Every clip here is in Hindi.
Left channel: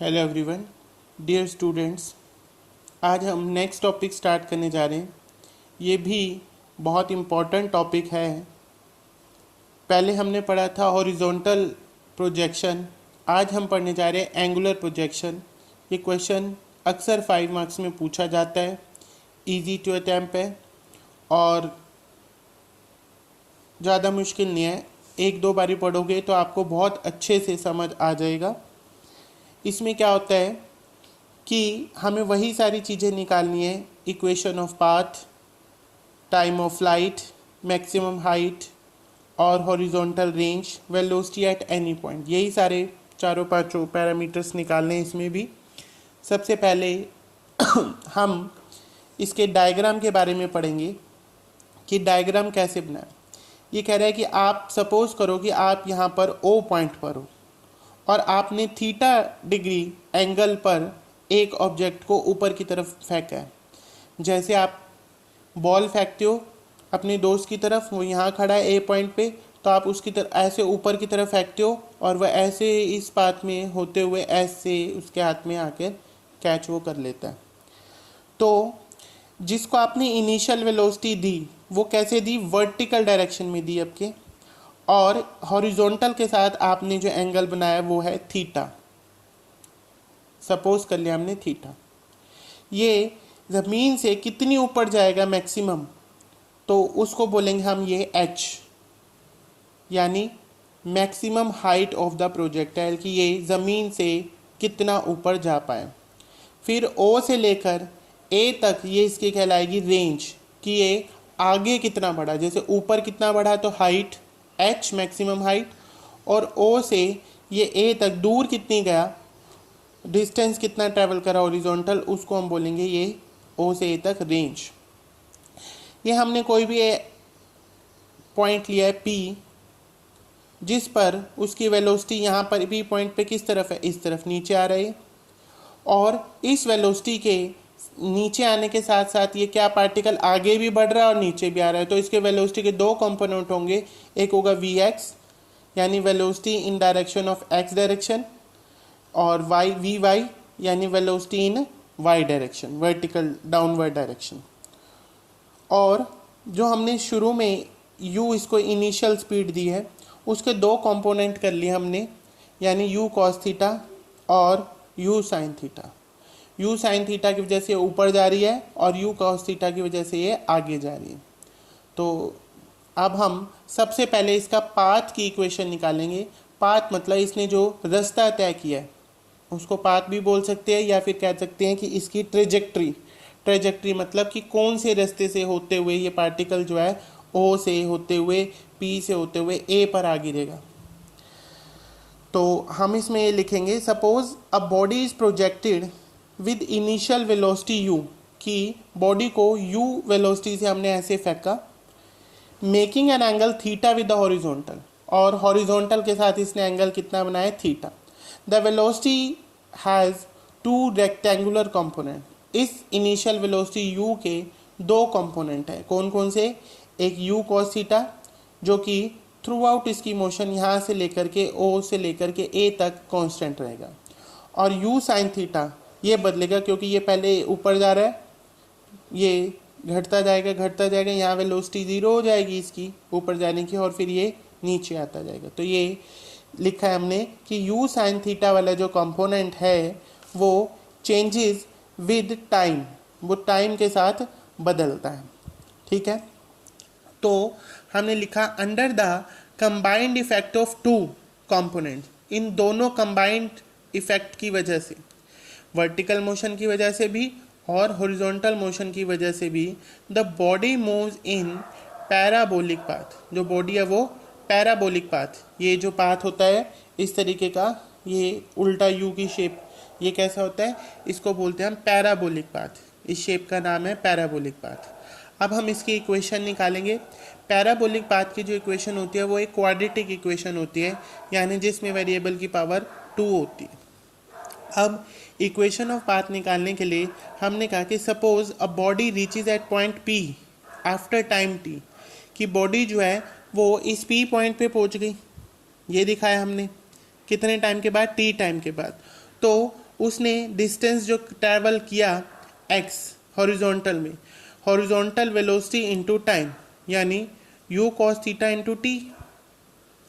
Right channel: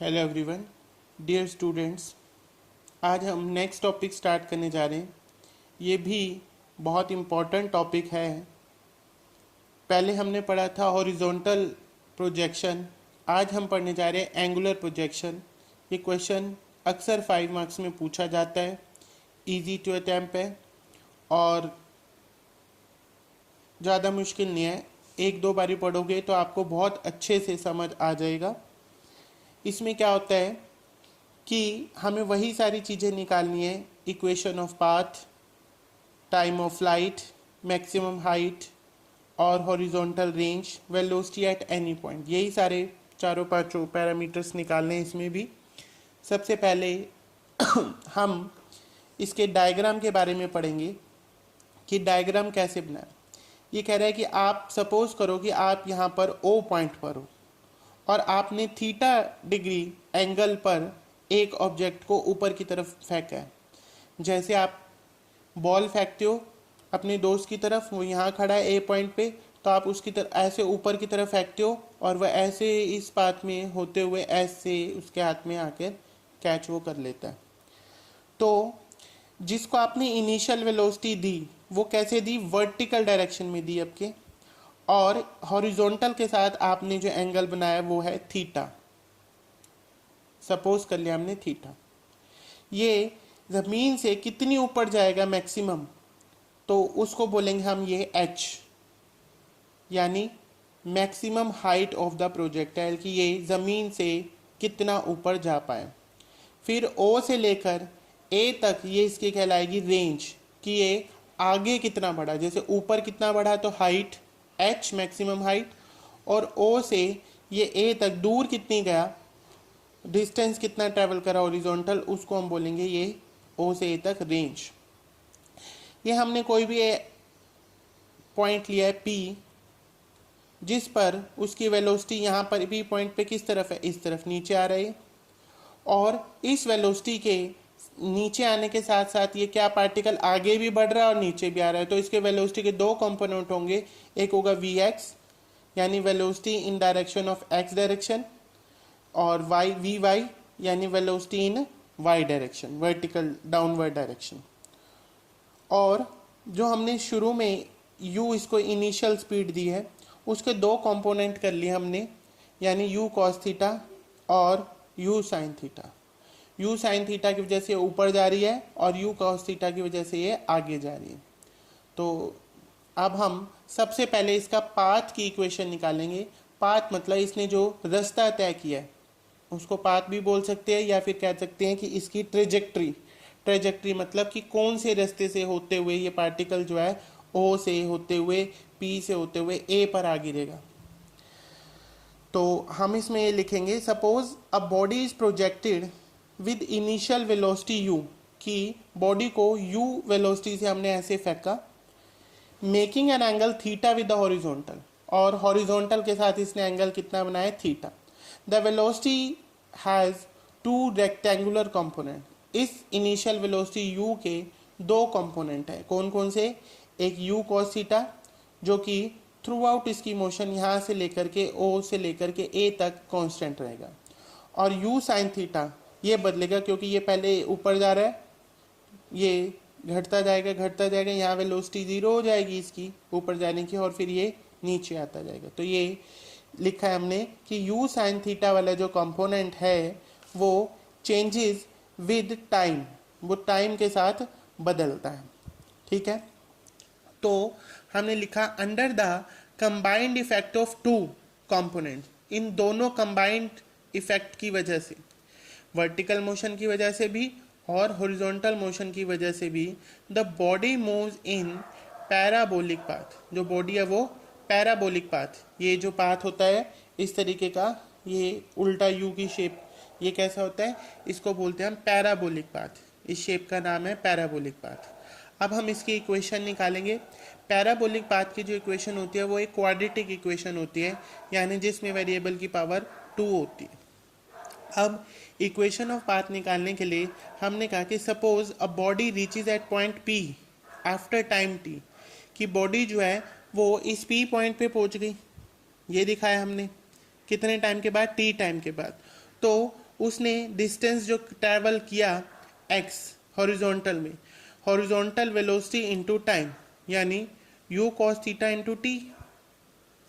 Hello everyone, dear students. आज हम नेक्स्ट टॉपिक स्टार्ट करने जा रहे हैं। ये भी बहुत इम्पॉर्टेंट टॉपिक है। पहले हमने पढ़ा था हॉरिजॉन्टल प्रोजेक्शन, आज हम पढ़ने जा रहे हैं एंगुलर प्रोजेक्शन। ये क्वेश्चन अक्सर 5 मार्क्स में पूछा जाता है, इजी टू अटैम्प्ट है और ज़्यादा मुश्किल नहीं है। एक दो बारी पढ़ोगे तो आपको बहुत अच्छे से समझ आ जाएगा। इसमें क्या होता है कि हमें वही सारी चीज़ें निकालनी है, equation of path, time of flight, maximum height और horizontal range, velocity at any point. यही सारे चारों पांचों पैरामीटर्स निकालने हैं इसमें भी। सबसे पहले हम इसके डायग्राम के बारे में पढ़ेंगे कि डायग्राम कैसे बनाए। ये कह रहा है कि आप सपोज करो कि आप यहाँ पर ओ पॉइंट पर हो और आपने थीटा डिग्री एंगल पर एक ऑब्जेक्ट को ऊपर की तरफ फेंका है। जैसे आप बॉल फेंकते हो अपने दोस्त की तरफ, वो यहाँ खड़ा है ए पॉइंट पे, तो आप उसकी तरफ ऐसे ऊपर की तरफ फेंकते हो और वह ऐसे इस पाथ में होते हुए ऐसे उसके हाथ में आकर कैच वो कर लेता है। तो जिसको आपने इनिशियल वेलोसिटी दी वो कैसे दी, वर्टिकल डायरेक्शन में दी आपके, और हॉरिजॉन्टल के साथ आपने जो एंगल बनाया वो है थीटा। सपोज कर लिया हमने थीटा। ये ज़मीन से कितनी ऊपर जाएगा मैक्सिमम, तो उसको बोलेंगे हम ये एच, यानी maximum height of the projectile, कि ये ज़मीन से कितना ऊपर जा पाए। फिर ओ से लेकर ए तक ये इसकी कहलाएगी रेंज, कि ये आगे कितना बढ़ा। जैसे ऊपर कितना बढ़ा तो हाइट एच मैक्सिमम हाइट, और ओ से ये ए तक दूर कितनी गया, डिस्टेंस कितना ट्रैवल करा हॉरिजॉन्टल, उसको हम बोलेंगे ये ओ से ए तक रेंज। ये हमने कोई भी पॉइंट लिया है पी, जिस पर उसकी वेलोसिटी यहाँ पर पी पॉइंट पे किस तरफ है, इस तरफ नीचे आ रही है, और इस वेलोसिटी के नीचे आने के साथ साथ ये क्या पार्टिकल आगे भी बढ़ रहा है और नीचे भी आ रहा है। तो इसके वेलोसिटी के दो कंपोनेंट होंगे, एक होगा वी एक्स यानी velocity in direction of X direction, और वाई वी वाई यानी velocity in Y direction, vertical downward direction. और जो हमने शुरू में u इसको इनिशियल स्पीड दी है, उसके दो कंपोनेंट कर लिए हमने, यानी u cos थीटा और u sin theta. u sin theta की वजह से ऊपर जा रही है और u cos थीटा की वजह से ये आगे जा रही है। तो अब हम सबसे पहले इसका पाथ की इक्वेशन निकालेंगे। पाथ मतलब इसने जो रास्ता तय किया है उसको पाथ भी बोल सकते हैं, या फिर कह सकते हैं कि इसकी ट्रेजेक्ट्री। ट्रेजेक्ट्री मतलब कि कौन से रास्ते से होते हुए ये पार्टिकल जो है ओ से होते हुए पी से होते हुए ए पर आ गिरेगा। तो हम इसमें ये लिखेंगे, suppose a body is projected with initial velocity u, कि बॉडी को u वेलोसिटी से हमने ऐसे फेंका, making an angle theta with the horizontal, और हॉरिजॉन्टल के साथ इसने एंगल कितना बनाया, theta. The velocity has two rectangular component. इस इनिशियल वेलोसिटी u के दो कंपोनेंट है, कौन कौन से, एक u cos थीटा जो कि थ्रू आउट इसकी मोशन यहाँ से लेकर के o से लेकर के a तक कांस्टेंट रहेगा, और u sin थीटा ये बदलेगा क्योंकि ये पहले ऊपर जा रहा है, ये घटता जाएगा, यहाँ वेलोसिटी 0 हो जाएगी इसकी ऊपर जाने की, और फिर ये नीचे आता जाएगा। तो ये लिखा है हमने कि u sin थीटा वाला जो कंपोनेंट है वो चेंजेस विद टाइम, वो टाइम के साथ बदलता है। ठीक है, तो हमने लिखा under the combined effect of two component, इन दोनों कंबाइंड इफेक्ट की वजह से, वर्टिकल मोशन की वजह से भी और हॉरिजॉन्टल मोशन की वजह से भी, the body moves in parabolic path. जो बॉडी है वो पैराबोलिक पाथ, ये जो पाथ होता है इस तरीके का, ये उल्टा यू की शेप, ये कैसा होता है, इसको बोलते हैं हम पैराबोलिक पाथ। इस शेप का नाम है पैराबोलिक पाथ। अब हम इसकी इक्वेशन निकालेंगे। पैराबोलिक पाथ की जो इक्वेशन होती है वो एक क्वाड्रेटिक इक्वेशन होती है, यानी जिसमें वेरिएबल की पावर 2 होती है। अब इक्वेशन ऑफ पाथ निकालने के लिए हमने कहा कि suppose a body reaches at point P after time T, कि बॉडी जो है वो इस पी पॉइंट पे पहुंच गई, ये दिखाया हमने कितने टाइम के बाद, टी टाइम के बाद। तो उसने डिस्टेंस जो ट्रैवल किया x हॉरिजॉन्टल में, हॉरिजॉन्टल वेलोसिटी इनटू टाइम, यानी u cos theta into T,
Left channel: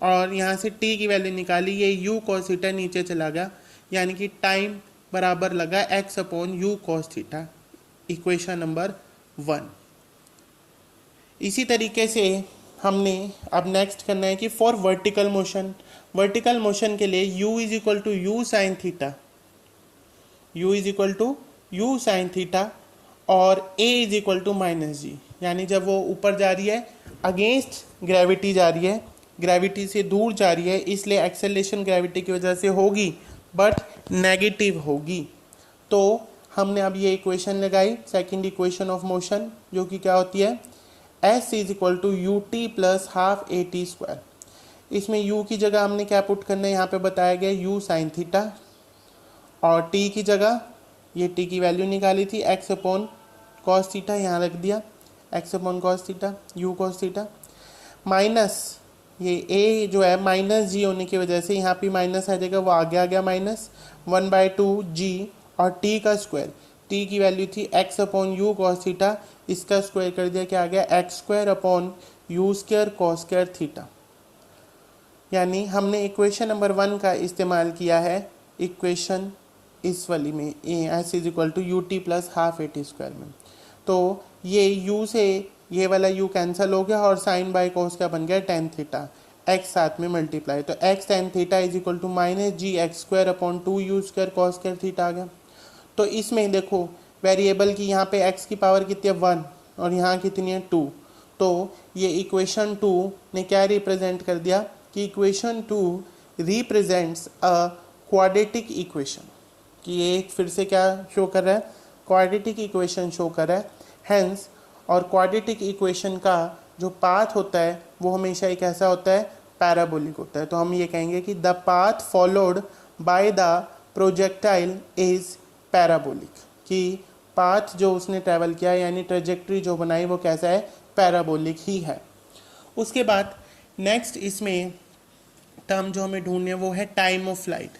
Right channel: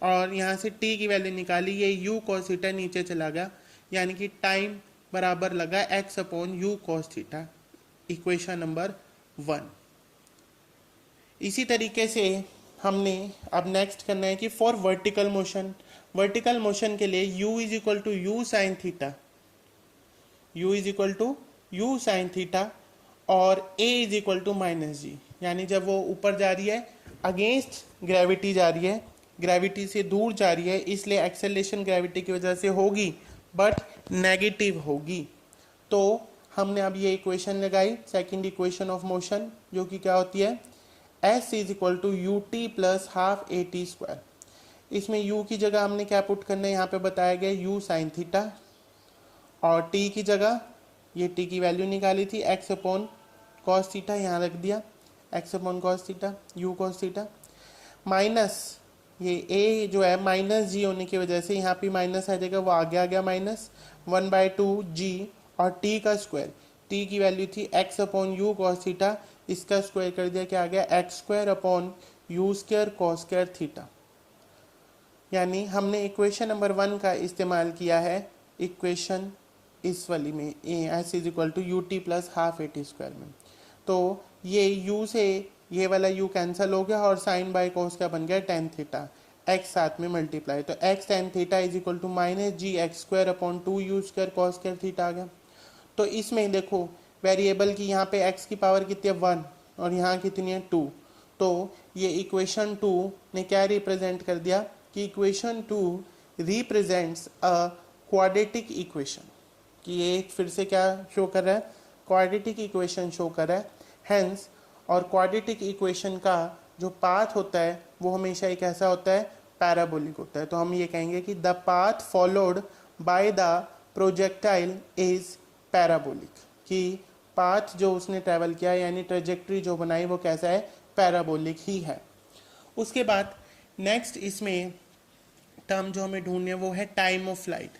और यहाँ से t की वैल्यू निकाली, ये u cos थीटा नीचे चला गया, यानी कि टाइम बराबर लगा x upon u cos theta, equation number 1। इसी तरीके से हमने अब नेक्स्ट करना है कि for vertical motion, vertical motion के लिए u is equal to u sine theta, u is equal to u sine theta, और a is equal to minus g, यानी जब वो ऊपर जा रही है अगेंस्ट ग्रेविटी जा रही है, ग्रेविटी से दूर जा रही है, इसलिए एक्सेलरेशन ग्रेविटी की वजह से होगी बट नेगेटिव होगी। तो हमने अब ये इक्वेशन लगाई, सेकंड इक्वेशन ऑफ मोशन, जो कि क्या होती है s is equal to U T plus half A T square. इसमें u की जगह हमने क्या पुट करना है, यहाँ पे बताया गया u साइन थीटा, और t की जगह ये t की वैल्यू निकाली थी x अपॉन कॉस थीटा, यहाँ रख दिया x upon cos theta, u cos theta, minus ये a जो है माइनस जी होने की वजह से यहाँ पे माइनस आ जाएगा, वो आगे आ गया माइनस 1/2 जी, और t का स्क्वायर, t की वैल्यू थी x upon you cos theta, इसका स्क्वायर कर दिया, क्या आ गया x square upon you square cos square theta. यानी हमने इक्वेशन नंबर 1 का इस्तेमाल किया है इक्वेशन इस वाली में, S is equal to U T plus half A T square में। तो ये u से ये वाला u कैंसिल हो गया, और साइन बाय कॉस क्या बन गया टेन थीटा, x साथ में मल्टीप्लाई, तो x tan theta is equal to minus g x square upon 2 u square cos square theta आ गया। तो इसमें देखो वेरिएबल की यहाँ पे x की पावर कितनी है 1, और यहाँ कितनी है 2, तो ये इक्वेशन 2 ने क्या रिप्रेजेंट कर दिया कि equation 2 represents a quadratic equation, कि ये फिर से क्या शो कर रहा है, क्वाड्रेटिक इक्वेशन शो कर रहा है। हेंस, और क्वाड्रेटिक इक्वेशन का जो पाथ होता है वो हमेशा एक ऐसा होता है पैराबोलिक होता है। तो हम ये कहेंगे कि the path followed by the projectile is parabolic, कि पाथ जो उसने ट्रैवल किया यानी ट्रेजेक्ट्री जो बनाई वो कैसा है, पैराबोलिक ही है। उसके बाद नेक्स्ट इसमें टर्म जो हमें ढूंढने वो है time of flight.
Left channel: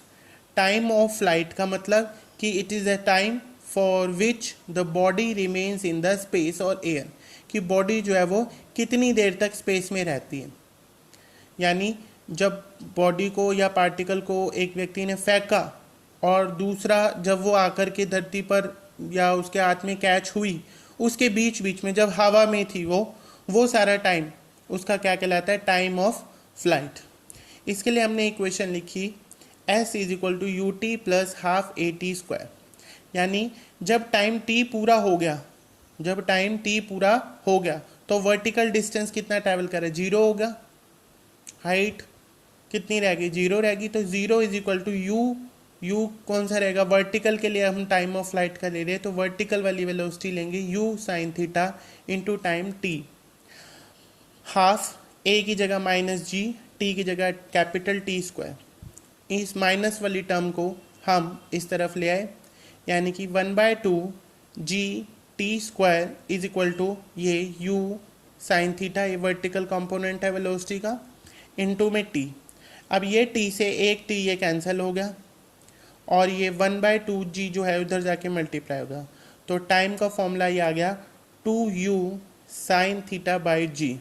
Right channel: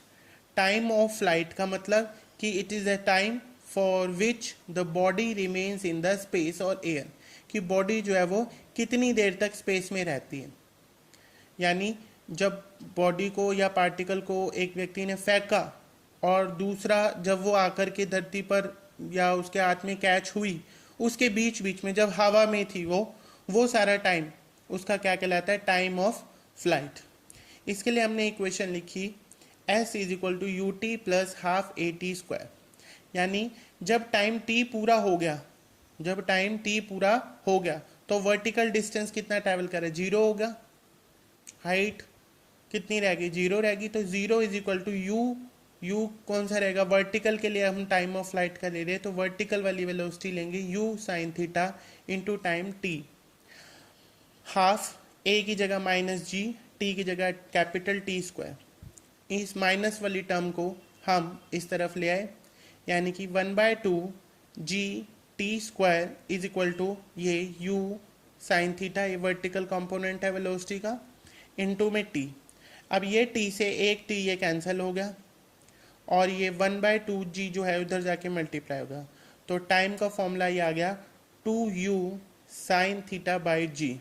Time of flight का मतलब कि it is a time for which the body remains in the space और एयर, कि बॉडी जो है वो कितनी देर तक स्पेस में रहती है। यानी जब बॉडी को या पार्टिकल को एक व्यक्ति ने फेंका, और दूसरा जब वो आकर के धरती पर या उसके हाथ में कैच हुई, उसके बीच बीच में जब हवा में थी वो सारा टाइम उसका क्या कहलाता है, टाइम ऑफ फ्लाइट। इसके लिए हमने इक्वेशन लिखी s is equal to U T plus half A T square, यानी जब टाइम t पूरा हो गया, जब टाइम t पूरा हो गया तो वर्टिकल डिस्टेंस कितना ट्रैवल करे, 0 होगा, हाइट कितनी रहेगी, 0 रहेगी, तो 0 इज इक्वल टू यू कौन सा रहेगा, वर्टिकल के लिए हम टाइम ऑफ फ्लाइट का ले रहे हैं, तो वर्टिकल वाली वेलोसिटी लेंगे u sine theta into time t, हाफ a की जगह माइनस जी, t की जगह कैपिटल T स्क्वायर। इस माइनस वाली टर्म को हम इस तरफ ले आए, यानी कि 1/2 G T square is equal to ये u साइन थीटा, ये वर्टिकल कंपोनेंट है वेलोसिटी का, इनटू में t। अब ये t से एक t ये कैंसिल हो गया, और ये 1/2 जी जो है उधर जाके मल्टीप्लाई होगा, तो टाइम का फॉर्मूला ये आ गया 2u sine theta by g,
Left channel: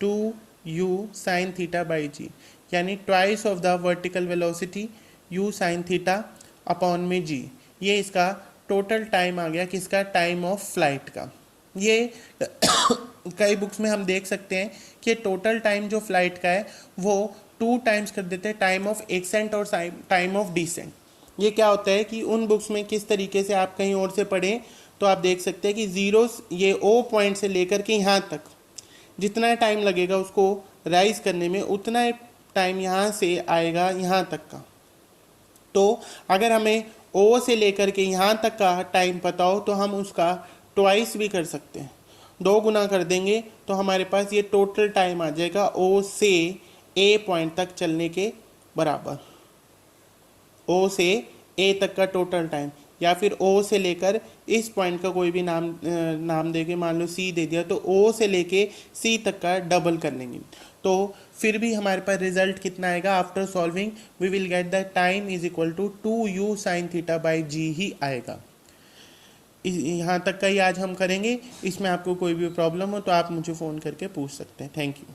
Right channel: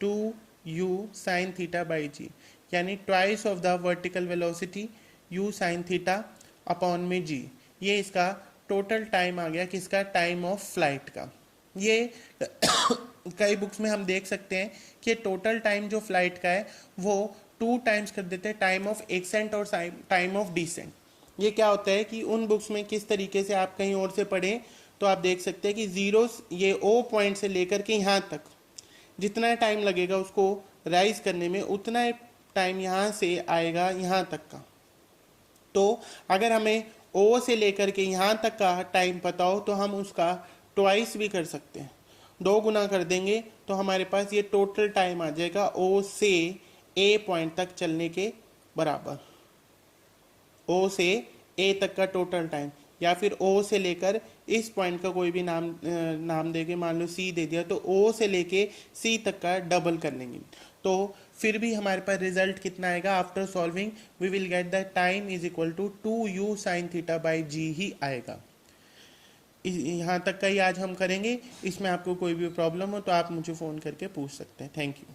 2u sine theta by g, यानी twice of the vertical velocity u sine theta upon में जी। ये इसका टोटल टाइम आ गया, किसका, टाइम ऑफ फ्लाइट का। ये कई बुक्स में हम देख सकते हैं कि टोटल टाइम जो फ्लाइट का है वो 2 टाइम्स कर देते हैं, टाइम ऑफ एसेंट और टाइम ऑफ डिसेंट। ये क्या होता है कि उन बुक्स में किस तरीके से आप कहीं और से पढ़ें तो आप देख सकते हैं कि जीरो ये ओ पॉइंट से लेकर के यहाँ तक जितना टाइम लगेगा उसको राइज करने में, उतना टाइम यहाँ से आएगा यहाँ तक का। तो अगर हमें ओ से लेकर के यहाँ तक का टाइम पता हो तो हम उसका ट्वाइस भी कर सकते हैं, 2 गुना कर देंगे तो हमारे पास ये टोटल टाइम आ जाएगा ओ से ए पॉइंट तक चलने के बराबर, ओ से ए तक का टोटल टाइम। या फिर ओ से लेकर इस पॉइंट का कोई भी नाम देके, मान लो सी दे दिया, तो ओ से लेके सी तक का डबल कर लेंगे। तो फिर भी हमारे पास रिजल्ट कितना आएगा? After solving we will get the time is equal to 2u sine theta by g ही आएगा। यहाँ तक का ही आज हम करेंगे। इसमें आपको कोई भी प्रॉब्लम हो तो आप मुझे फ़ोन करके पूछ सकते हैं। Thank you.